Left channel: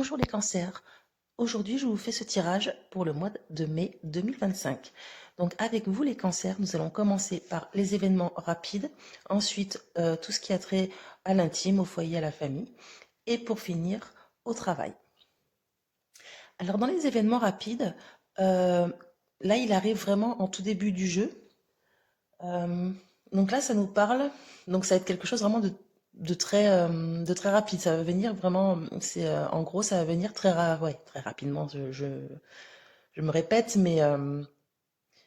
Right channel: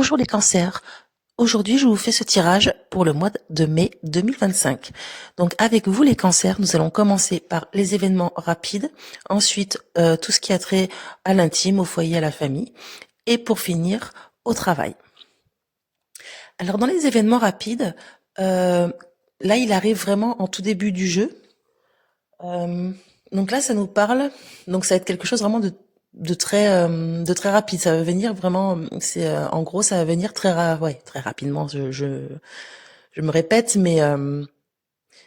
Bonjour les cancers. Aujourd'hui, je vous fais ce tirage pour le mois de mai 2025. Donc avec vous les cancers, nous allons commencer par les événements rapides, ensuite tout ce qui a trait à l'intime, au foyer, à la famille, et pour finir au travail. Alors dans les événements rapides, là il arrive vraiment en tout début du jeu. Donc là ça nous parle, donc ça va être quelque chose vraiment de très rapide. Ça va venir vraiment, c'est en gros ça va venir ouais, très rapidement. Je me répète, mais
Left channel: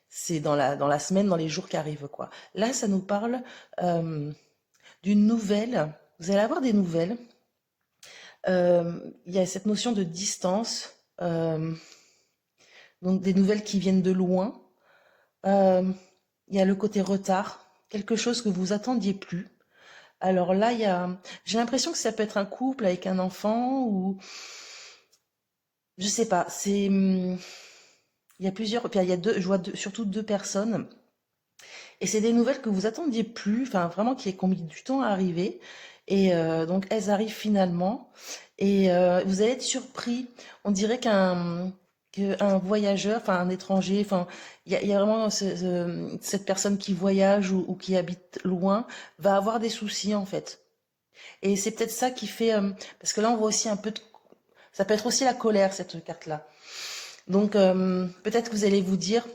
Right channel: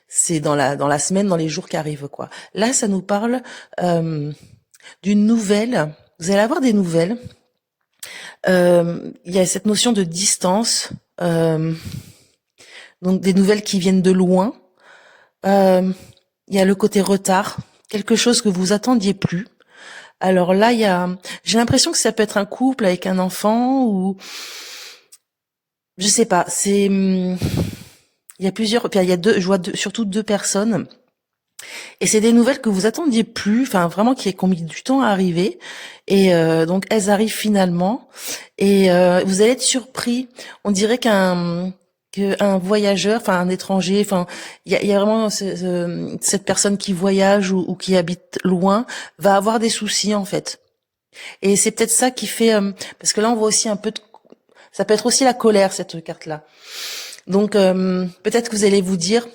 c'est dans la semaine, dans les jours qui arrivent quoi. Là ça nous parle d'une nouvelle. Vous allez avoir des nouvelles. Il y a cette notion de distance, donc des nouvelles qui viennent de loin. Il y a le côté retard, quelque chose que vous attendiez plus. Alors là, j'ai l'impression que ça peut être un couple avec un enfant ou, je sais pas, il y a plusieurs, puis il y a je vois surtout deux personnes. Et c'est des nouvelles que vous attendiez plus, enfin vraiment qui ont mis du temps à arriver. Et donc elles arrivent finalement. Et vous allez être surpris. On dirait qu'un voyageur, enfin un étranger, enfin il y a vraiment cette personne qui voyage ou qui habite loin va avoir des soucis en fait. Et c'est peut-être ça qui fait, parce que là on voit aussi un peu ça peut être aussi la colère cette carte-là. Donc peut-être que vous allez vous dire,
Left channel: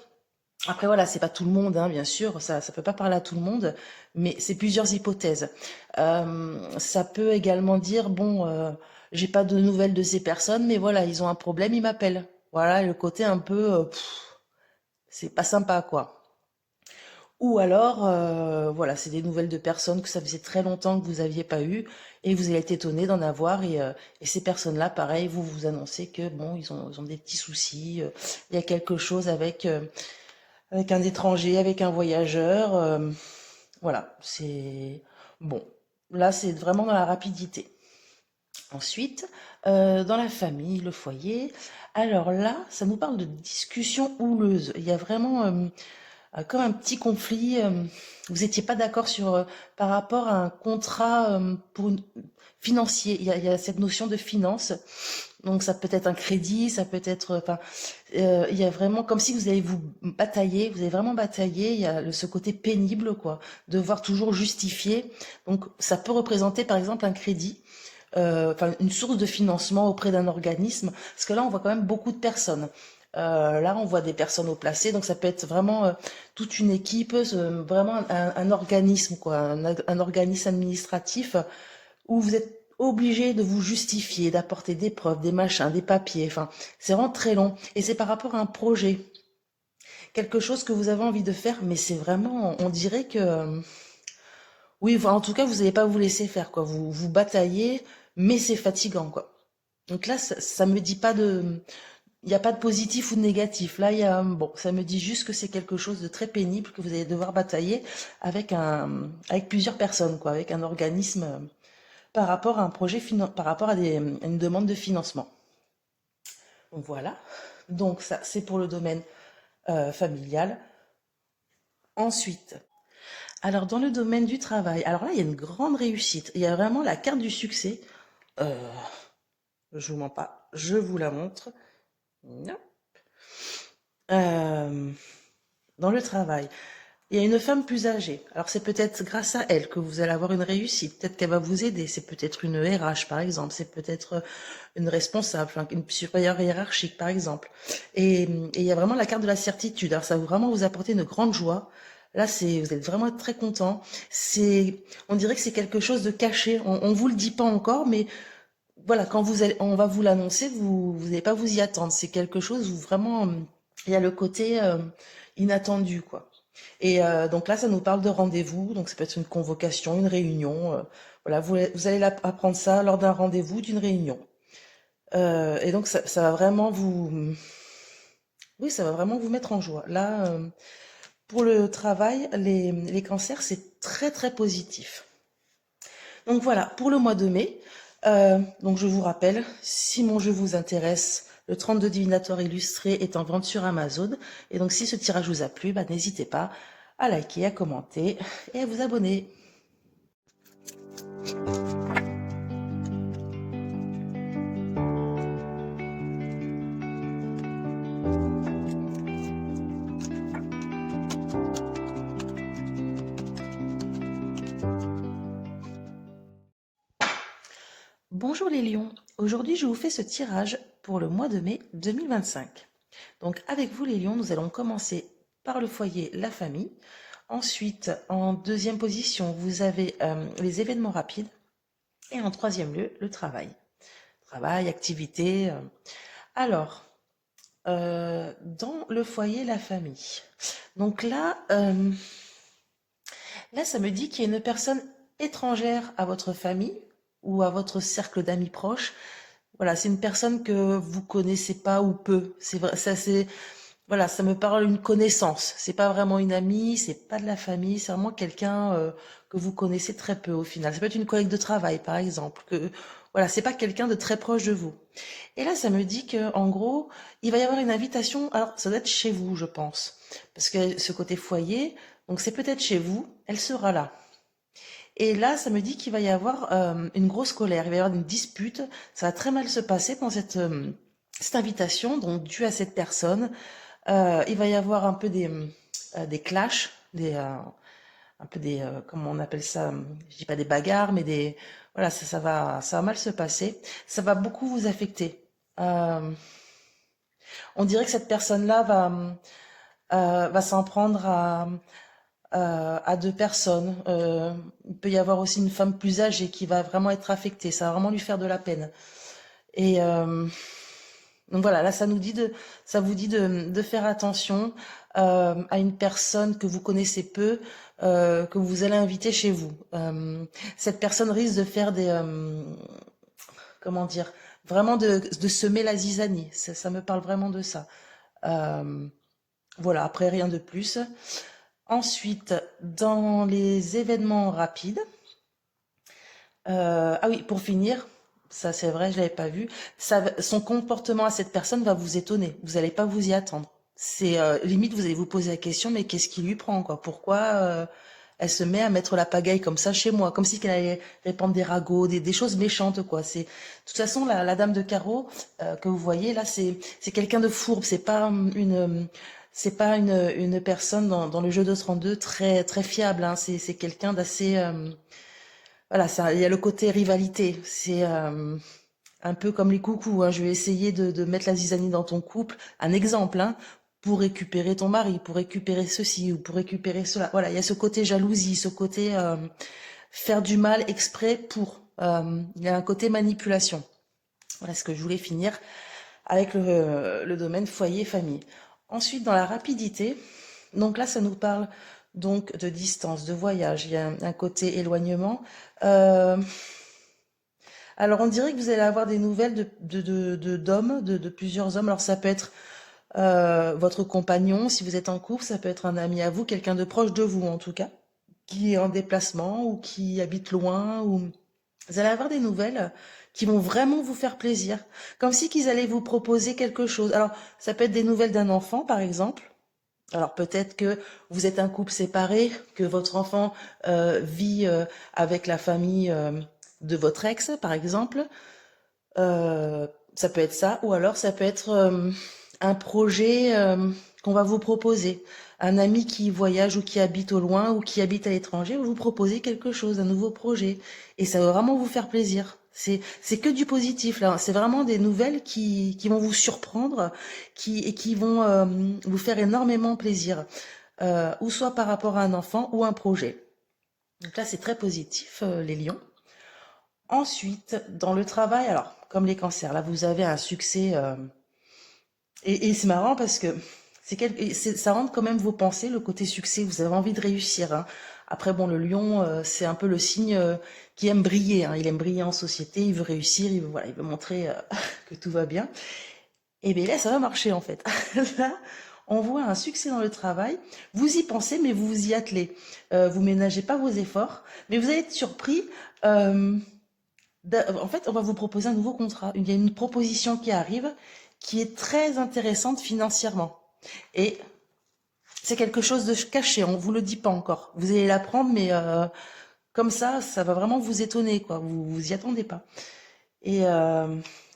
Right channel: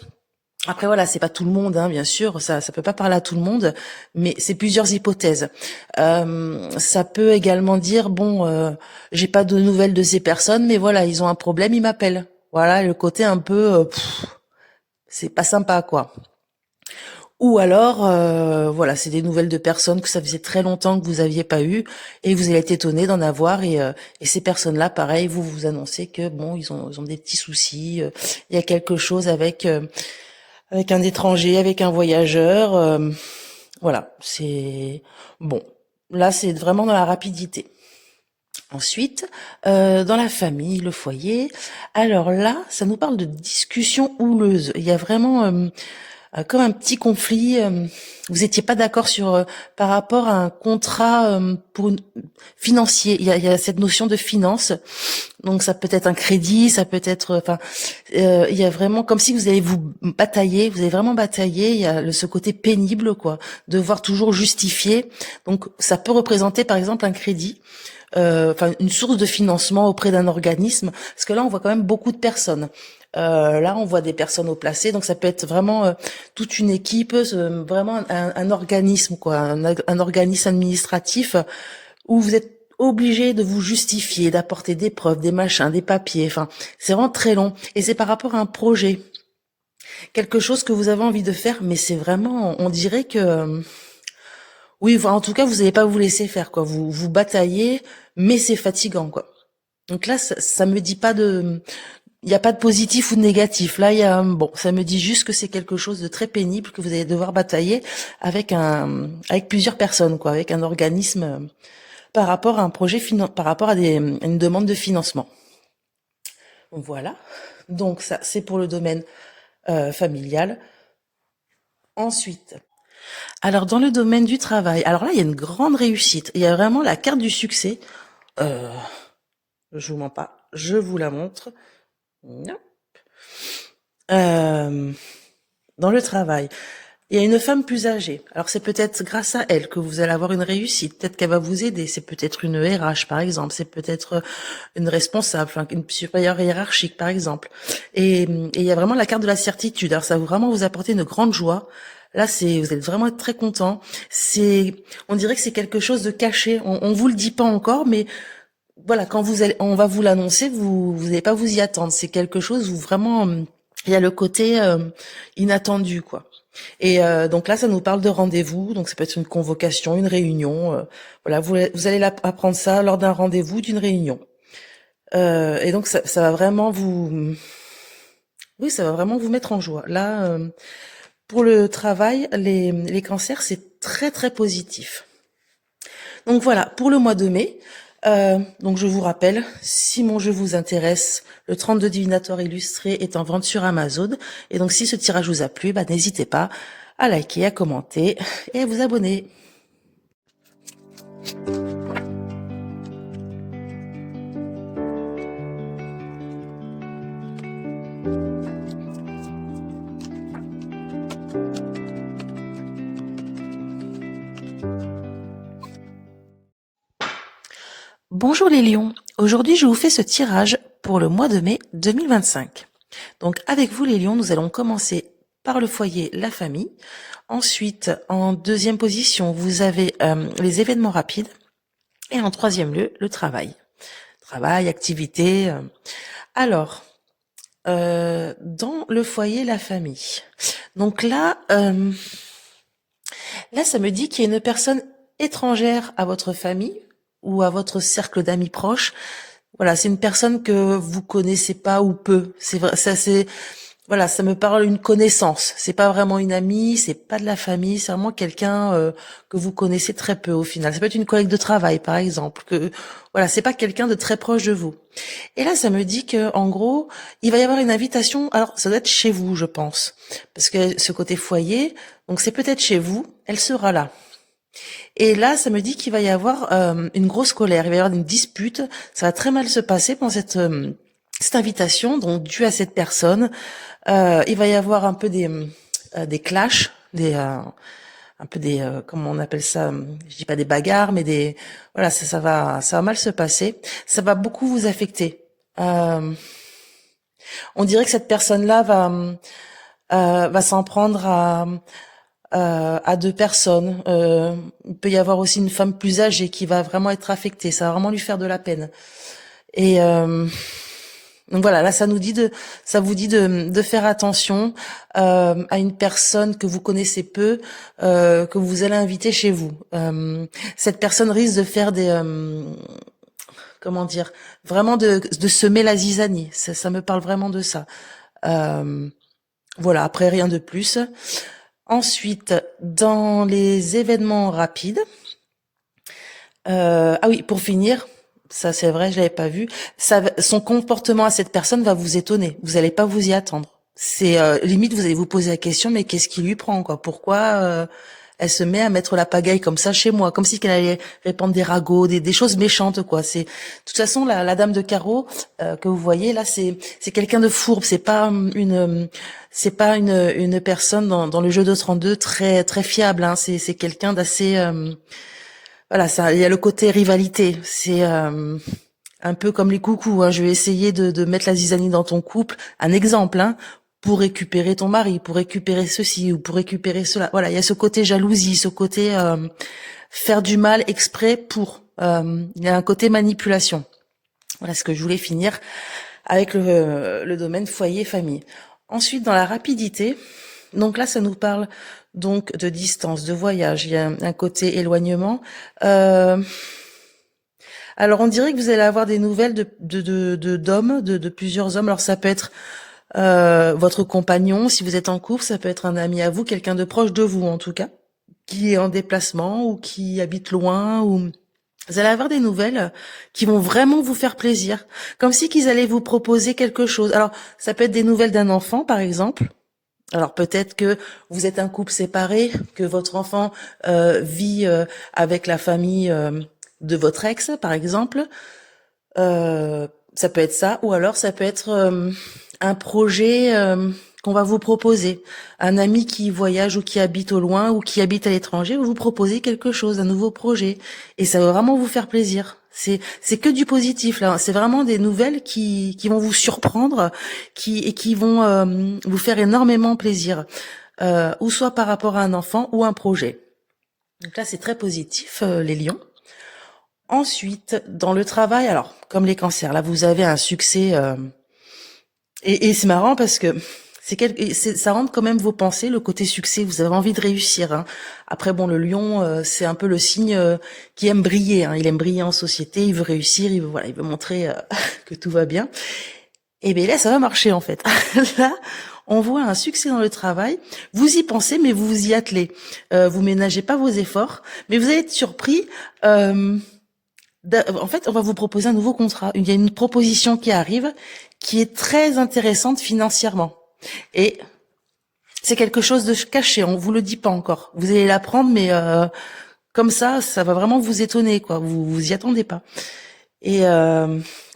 après voilà, c'est pas tout le monde, hein, bien sûr, ça peut pas parler à tout le monde, mais c'est plusieurs hypothèses. Ça peut également dire bon, j'ai pas de nouvelles de ces personnes, mais voilà, ils ont un problème, ils m'appellent. Voilà, le côté un peu, c'est pas sympa quoi. Ou alors, voilà, c'est des nouvelles de personnes que ça faisait très longtemps que vous aviez pas eu et vous allez être étonné d'en avoir et ces personnes-là, pareil, vous annoncez que bon, ils ont des petits soucis, il y a quelque chose avec un étranger, avec un voyageur, voilà, c'est bon. Là, c'est vraiment dans la rapidité. Ensuite, dans la famille, le foyer, alors là, ça nous parle de discussion houleuse. Il y a vraiment comme un petit conflit. Vous étiez pas d'accord sur par rapport à un contrat financier. Il y a cette notion de finance. Donc ça peut être un crédit, ça peut être, enfin, il y a vraiment comme si vous allez vous batailler, vous avez vraiment bataillé. Il y a ce côté pénible, quoi, devoir toujours justifier. Donc ça peut représenter par exemple un crédit, enfin une source de financement auprès d'un organisme, parce que là on voit quand même beaucoup de personnes. Là, on voit des personnes au placé, donc ça peut être vraiment toute une équipe, vraiment un organisme, quoi, un organisme administratif où vous êtes obligé de vous justifier, d'apporter des preuves, des machins, des papiers. Enfin, c'est vraiment très long. Et c'est par rapport à un projet, quelque chose que vous avez envie de faire, mais c'est vraiment, on dirait que, oui, en tout cas, vous n'allez pas vous laisser faire, quoi. Vous bataillez, mais c'est fatigant, quoi. Donc là, ça me dit pas il n'y a pas de positif ou de négatif. Là, bon, ça me dit juste que c'est quelque chose de très pénible que vous allez devoir batailler avec plusieurs personnes, quoi, avec un organisme par rapport à un projet, par rapport à une demande de financement. Voilà. Donc ça, c'est pour le domaine familial. Ensuite, alors dans le domaine du travail, alors là, il y a une grande réussite. Il y a vraiment la carte du succès. Euh, je vous mens pas, je vous la montre. Non. Euh, dans le travail. Il y a une femme plus âgée. Alors c'est peut-être grâce à elle que vous allez avoir une réussite. Peut-être qu'elle va vous aider. C'est peut-être une RH par exemple. C'est peut-être une responsable, enfin, une supérieure hiérarchique par exemple. Et il y a vraiment la carte de la certitude. Alors ça va vraiment vous apporter une grande joie. Là, vous êtes vraiment très content. On dirait que c'est quelque chose de caché. On vous le dit pas encore, mais voilà, quand on va vous l'annoncer, vous n'allez pas vous y attendre. C'est quelque chose où vraiment, il y a le côté inattendu, quoi. Et donc là, ça nous parle de rendez-vous. Donc ça peut être une convocation, une réunion. Voilà, vous allez apprendre ça lors d'un rendez-vous, d'une réunion. Et donc ça va vraiment oui, ça va vraiment vous mettre en joie. Là, pour le travail, les cancers, c'est très très positif. Donc voilà, pour le mois de mai, donc je vous rappelle, si mon jeu vous intéresse, le 32 divinatoire illustré est en vente sur Amazon. Et donc si ce tirage vous a plu, bah, n'hésitez pas à liker, à commenter et à vous abonner. Bonjour les lions, aujourd'hui je vous fais ce tirage pour le mois de mai 2025. Donc avec vous les lions, nous allons commencer par le foyer, la famille. Ensuite, en deuxième position, vous avez les événements rapides. Et en troisième lieu, le travail. Travail, activité. Alors, dans le foyer, la famille. Donc là, ça me dit qu'il y a une personne étrangère à votre famille ou à votre cercle d'amis proches. Voilà, c'est une personne que vous connaissez pas ou peu. C'est vrai, ça c'est voilà, ça me parle d'une connaissance. C'est pas vraiment une amie, c'est pas de la famille, c'est vraiment quelqu'un que vous connaissez très peu au final. Ça peut être une collègue de travail par exemple. Que voilà, c'est pas quelqu'un de très proche de vous. Et là, ça me dit que en gros, il va y avoir une invitation. Alors, ça doit être chez vous, je pense, parce que ce côté foyer, donc c'est peut-être chez vous. Elle sera là. Et là, ça me dit qu'il va y avoir une grosse colère, il va y avoir une dispute, ça va très mal se passer pendant cette invitation, donc due à cette personne. Il va y avoir un peu des clashs, un peu comment on appelle ça, je dis pas des bagarres, mais voilà, ça va mal se passer. Ça va beaucoup vous affecter. Euh, on dirait que cette personne-là va s'en prendre à deux personnes. Il peut y avoir aussi une femme plus âgée qui va vraiment être affectée. Ça va vraiment lui faire de la peine. Et donc voilà, là ça vous dit de faire attention à une personne que vous connaissez peu, que vous allez inviter chez vous. Cette personne risque de faire comment dire, vraiment de semer la zizanie. Ça me parle vraiment de ça. Euh, voilà, après rien de plus. Ensuite, dans les événements rapides, ah oui, pour finir, ça c'est vrai, je l'avais pas vu. Son comportement à cette personne va vous étonner. Vous allez pas vous y attendre. C'est limite, vous allez vous poser la question, mais qu'est-ce qui lui prend, quoi? Pourquoi elle se met à mettre la pagaille comme ça chez moi, comme si qu'elle allait répandre des ragots, des choses méchantes, quoi. C'est de toute façon la dame de carreau que vous voyez là, c'est quelqu'un de fourbe. C'est pas une personne dans le jeu de 32 très très fiable. Hein. C'est quelqu'un d'assez voilà, ça, il y a le côté rivalité. C'est un peu comme les coucous. Hein. Je vais essayer de mettre la zizanie dans ton couple. Un exemple, hein, pour récupérer ton mari, pour récupérer ceci ou pour récupérer cela. Voilà, il y a ce côté jalousie, ce côté faire du mal exprès pour. Il y a un côté manipulation. Voilà ce que je voulais finir avec le domaine foyer famille. Ensuite, dans la rapidité, donc là, ça nous parle donc de distance, de voyage. Il y a un côté éloignement. Euh, alors, on dirait que vous allez avoir des nouvelles d'hommes, de plusieurs hommes. Alors, ça peut être votre compagnon, si vous êtes en couple, ça peut être un ami à vous, quelqu'un de proche de vous en tout cas, qui est en déplacement ou qui habite loin ou vous allez avoir des nouvelles qui vont vraiment vous faire plaisir, comme si qu'ils allaient vous proposer quelque chose. Alors, ça peut être des nouvelles d'un enfant, par exemple. Alors peut-être que vous êtes un couple séparé, que votre enfant vit avec la famille de votre ex, par exemple. Ça peut être ça, ou alors ça peut être un projet qu'on va vous proposer. Un ami qui voyage ou qui habite au loin ou qui habite à l'étranger, vous proposez quelque chose, un nouveau projet. Et ça va vraiment vous faire plaisir. C'est que du positif là. C'est vraiment des nouvelles qui vont vous surprendre, qui vont vous faire énormément plaisir, ou soit par rapport à un enfant ou un projet. Donc là, c'est très positif, les lions. Ensuite, dans le travail, alors comme les cancers, là vous avez un succès et c'est marrant parce que ça rentre quand même vos pensées, le côté succès. Vous avez envie de réussir. Hein. Après, bon, le lion, c'est un peu le signe qui aime briller. Hein. Il aime briller en société, il veut réussir, il veut montrer que tout va bien. Et bien là, ça va marcher en fait. Là, on voit un succès dans le travail. Vous y pensez, mais vous vous y attelez. Vous ménagez pas vos efforts, mais vous allez être surpris. En fait, on va vous proposer un nouveau contrat. Il y a une proposition qui arrive qui est très intéressante financièrement. Et c'est quelque chose de caché, on vous le dit pas encore. Vous allez l'apprendre, mais comme ça va vraiment vous étonner, quoi. Vous y attendez pas. Et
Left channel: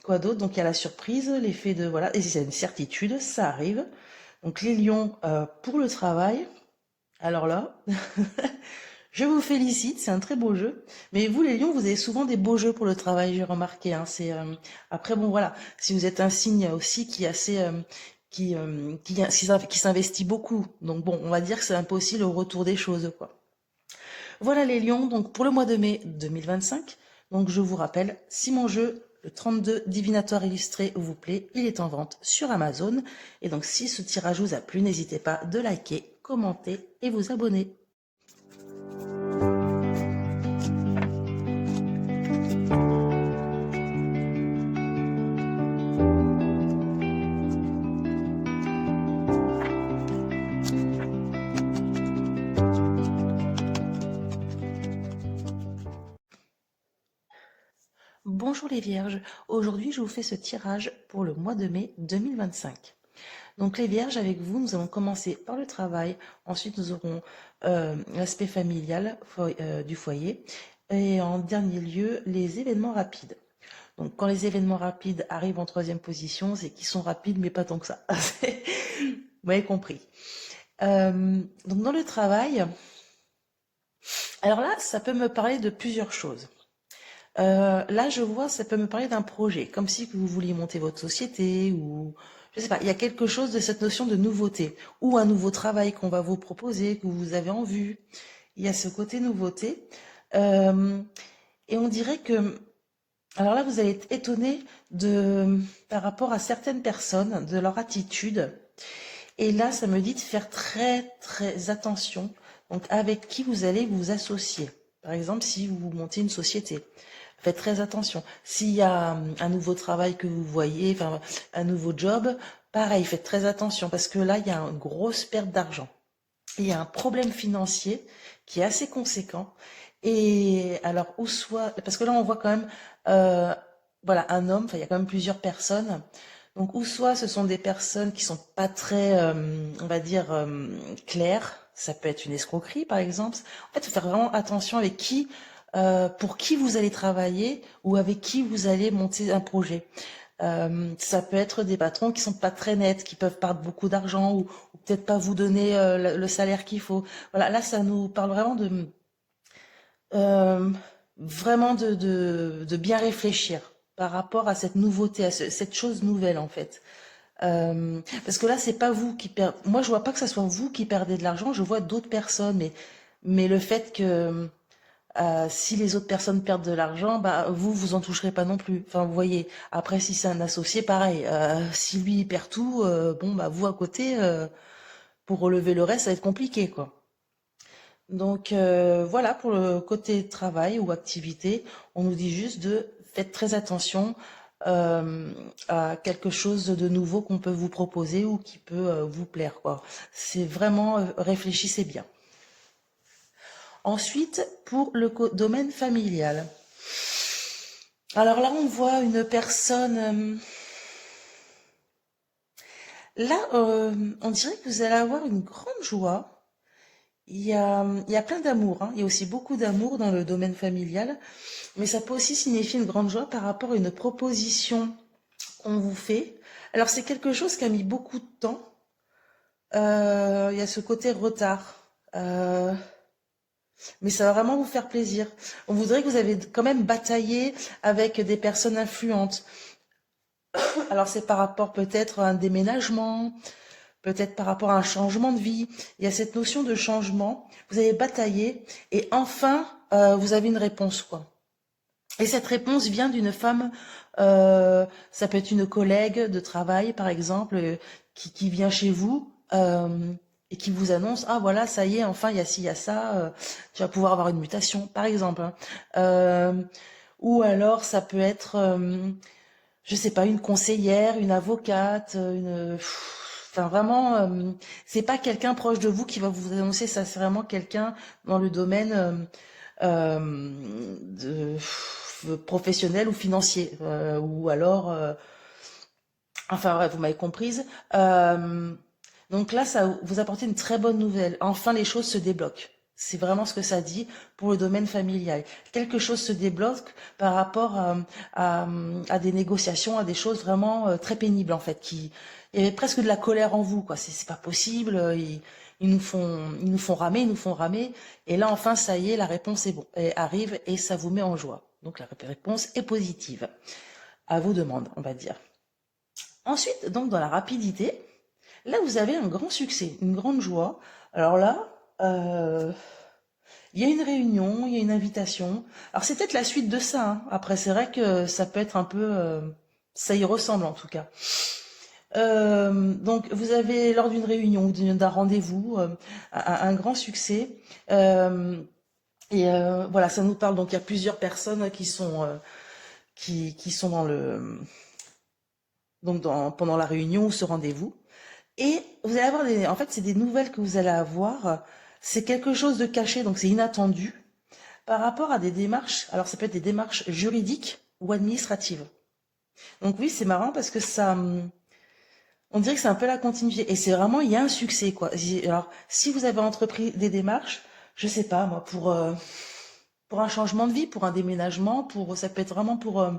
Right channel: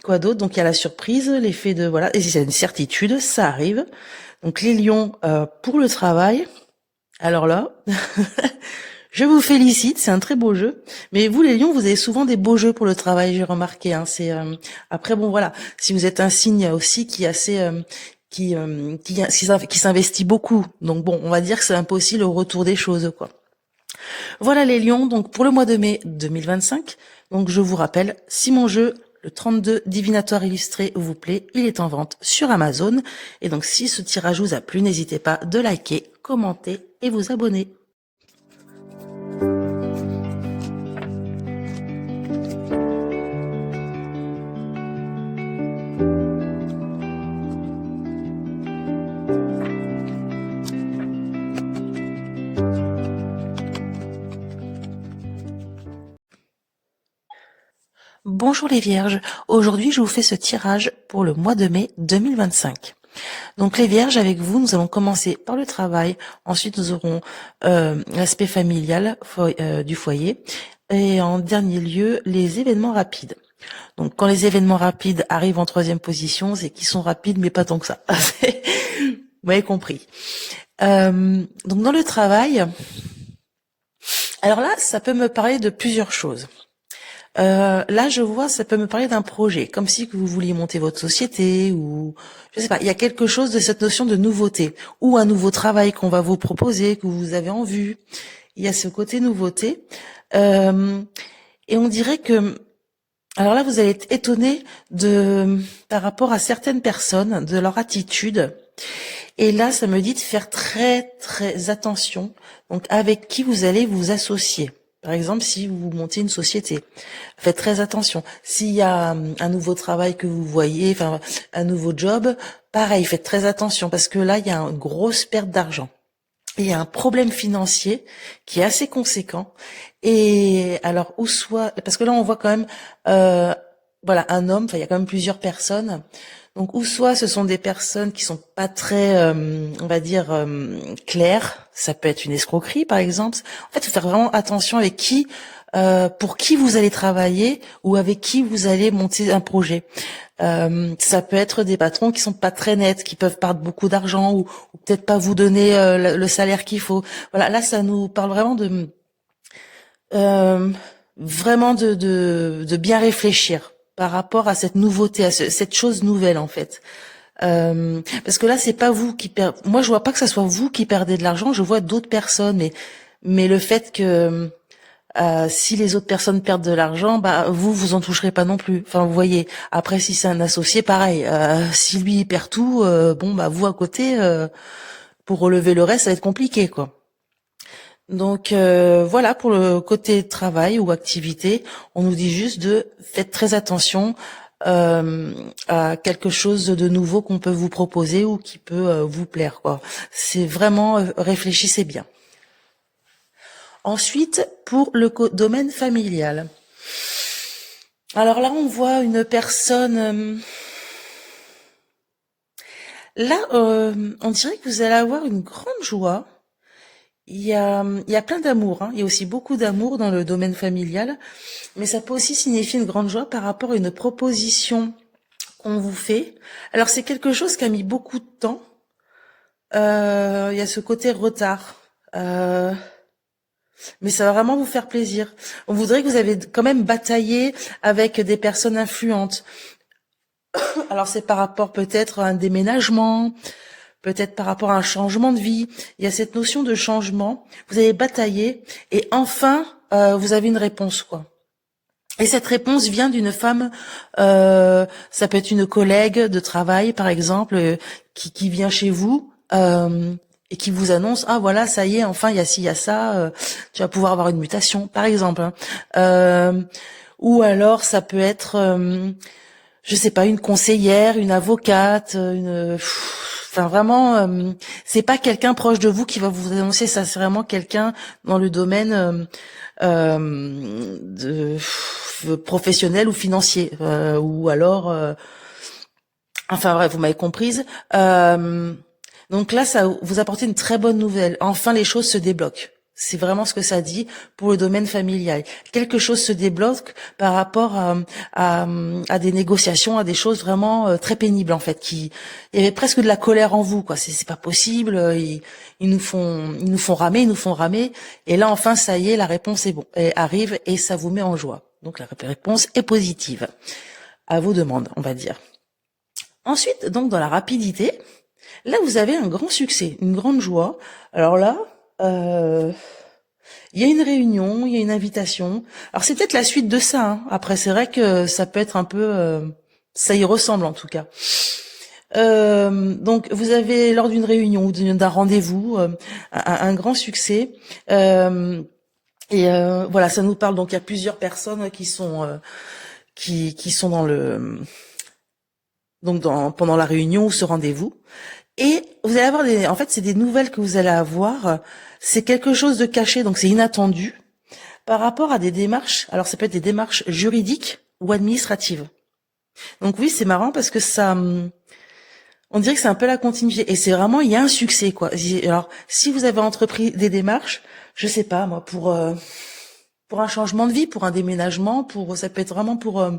quoi d'autre? Donc il y a la surprise, l'effet de voilà, et c'est une certitude, ça arrive. Donc les lions pour le travail. Alors là, Je vous félicite, c'est un très beau jeu. Mais vous, les lions, vous avez souvent des beaux jeux pour le travail, j'ai remarqué. Hein. Après, bon, voilà. Si vous êtes un signe aussi qui est assez, qui s'investit beaucoup. Donc bon, on va dire que c'est un peu aussi le retour des choses, quoi. Voilà les lions. Donc pour le mois de mai 2025. Donc je vous rappelle, si mon jeu le 32 divinatoire illustré vous plaît, il est en vente sur Amazon. Et donc si ce tirage vous a plu, n'hésitez pas de liker, commenter et vous abonner. Bonjour les vierges, aujourd'hui je vous fais ce tirage pour le mois de mai 2025. Donc les vierges, avec vous, nous allons commencer par le travail, ensuite nous aurons l'aspect familial du foyer et en dernier lieu les événements rapides. Donc quand les événements rapides arrivent en troisième position, c'est qu'ils sont rapides mais pas tant que ça. Vous m'avez compris. Donc dans le travail, alors là ça peut me parler de plusieurs choses. Là, je vois, ça peut me parler d'un projet, comme si que vous vouliez monter votre société ou je sais pas. Il y a quelque chose de cette notion de nouveauté ou un nouveau travail qu'on va vous proposer, que vous avez en vue. Il y a ce côté nouveauté et on dirait que alors là, vous allez être étonné par rapport à certaines personnes, de leur attitude. Et là, ça me dit de faire très très attention. Donc, avec qui vous allez vous associer. Par exemple, si vous montez une société, faites très attention. S'il y a un nouveau travail que vous voyez, enfin un nouveau job, pareil, faites très attention parce que là, il y a une grosse perte d'argent. Il y a un problème financier qui est assez conséquent. Et alors, ou soit, parce que là, on voit quand même, voilà, un homme, enfin, il y a quand même plusieurs personnes. Donc, ou soit ce sont des personnes qui sont pas très, on va dire, claires. Ça peut être une escroquerie, par exemple. En fait, il faut faire vraiment attention avec qui, pour qui vous allez travailler ou avec qui vous allez monter un projet. Ça peut être des patrons qui sont pas très nets, qui peuvent perdre beaucoup d'argent ou peut-être pas vous donner le salaire qu'il faut. Voilà, là, ça nous parle vraiment euh, de bien réfléchir par rapport à cette nouveauté, à cette chose nouvelle en fait. Parce que là, c'est pas vous qui perdez. Moi, je vois pas que ça soit vous qui perdez de l'argent. Je vois d'autres personnes, mais le fait que si les autres personnes perdent de l'argent, bah vous en toucherez pas non plus. Enfin, vous voyez. Après, si c'est un associé, pareil. Si lui il perd tout, bon bah vous à côté, pour relever le reste, ça va être compliqué, quoi. Donc voilà pour le côté travail ou activité, on nous dit juste de faites très attention à quelque chose de nouveau qu'on peut vous proposer ou qui peut vous plaire, quoi. C'est vraiment réfléchissez bien. Ensuite, pour le domaine familial. Alors là, on voit une personne. Là, on dirait que vous allez avoir une grande joie. Il y a plein d'amour, hein. Il y a aussi beaucoup d'amour dans le domaine familial, mais ça peut aussi signifier une grande joie par rapport à une proposition qu'on vous fait. Alors c'est quelque chose qui a mis beaucoup de temps. Il y a ce côté retard. Mais ça va vraiment vous faire plaisir. On voudrait que vous avez quand même bataillé avec des personnes influentes. Alors c'est par rapport peut-être à un déménagement, peut-être par rapport à un changement de vie. Il y a cette notion de changement. Vous avez bataillé et enfin vous avez une réponse, quoi. Et cette réponse vient d'une femme, ça peut être une collègue de travail par exemple, qui vient chez vous et qui vous annonce ah voilà ça y est enfin il y a ci il y a ça, tu vas pouvoir avoir une mutation par exemple. Hein. Ou alors ça peut être je sais pas, une conseillère, une avocate, enfin vraiment, c'est pas quelqu'un proche de vous qui va vous annoncer ça, c'est vraiment quelqu'un dans le domaine professionnel ou financier, ou alors, enfin bref, vous m'avez comprise. Donc là, ça vous apportez une très bonne nouvelle. Enfin, les choses se débloquent. C'est vraiment ce que ça dit pour le domaine familial. Quelque chose se débloque par rapport à des négociations, à des choses vraiment très pénibles en fait. Il y avait presque de la colère en vous, quoi. C'est pas possible. Ils nous font ramer, ils nous font ramer. Et là enfin, ça y est, la réponse est bon, elle arrive et ça vous met en joie. Donc la réponse est positive à vos demandes, on va dire. Ensuite, donc dans la rapidité, là vous avez un grand succès, une grande joie. Alors là. Il y a une réunion, il y a une invitation. Alors c'est peut-être la suite de ça, hein. Après, c'est vrai que ça peut être un peu, ça y ressemble en tout cas. Donc vous avez lors d'une réunion ou d'un rendez-vous un grand succès. Voilà, ça nous parle. Donc il y a plusieurs personnes qui sont dans le pendant la réunion ou ce rendez-vous. Et vous allez avoir en fait, c'est des nouvelles que vous allez avoir. C'est quelque chose de caché, donc c'est inattendu par rapport à des démarches. Alors, ça peut être des démarches juridiques ou administratives. Donc oui, c'est marrant parce que ça, on dirait que c'est un peu la continuité. Et c'est vraiment, il y a un succès, quoi. Alors, si vous avez entrepris des démarches, je sais pas, moi, pour un changement de vie, pour un déménagement, ça peut être vraiment pour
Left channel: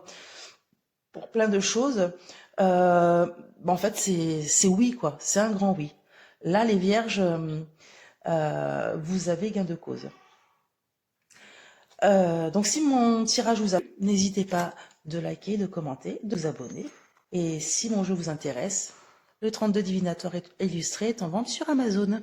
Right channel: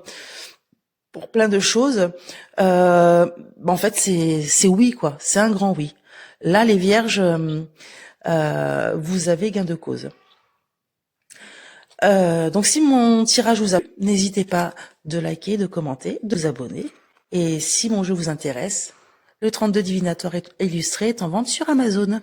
plein de choses. En fait, c'est oui, quoi. C'est un grand oui. Là, les vierges, vous avez gain de cause. Donc, si mon tirage vous a plu, n'hésitez pas de liker, de commenter, de vous abonner. Et si mon jeu vous intéresse, le 32 divinatoire illustré est en vente sur Amazon.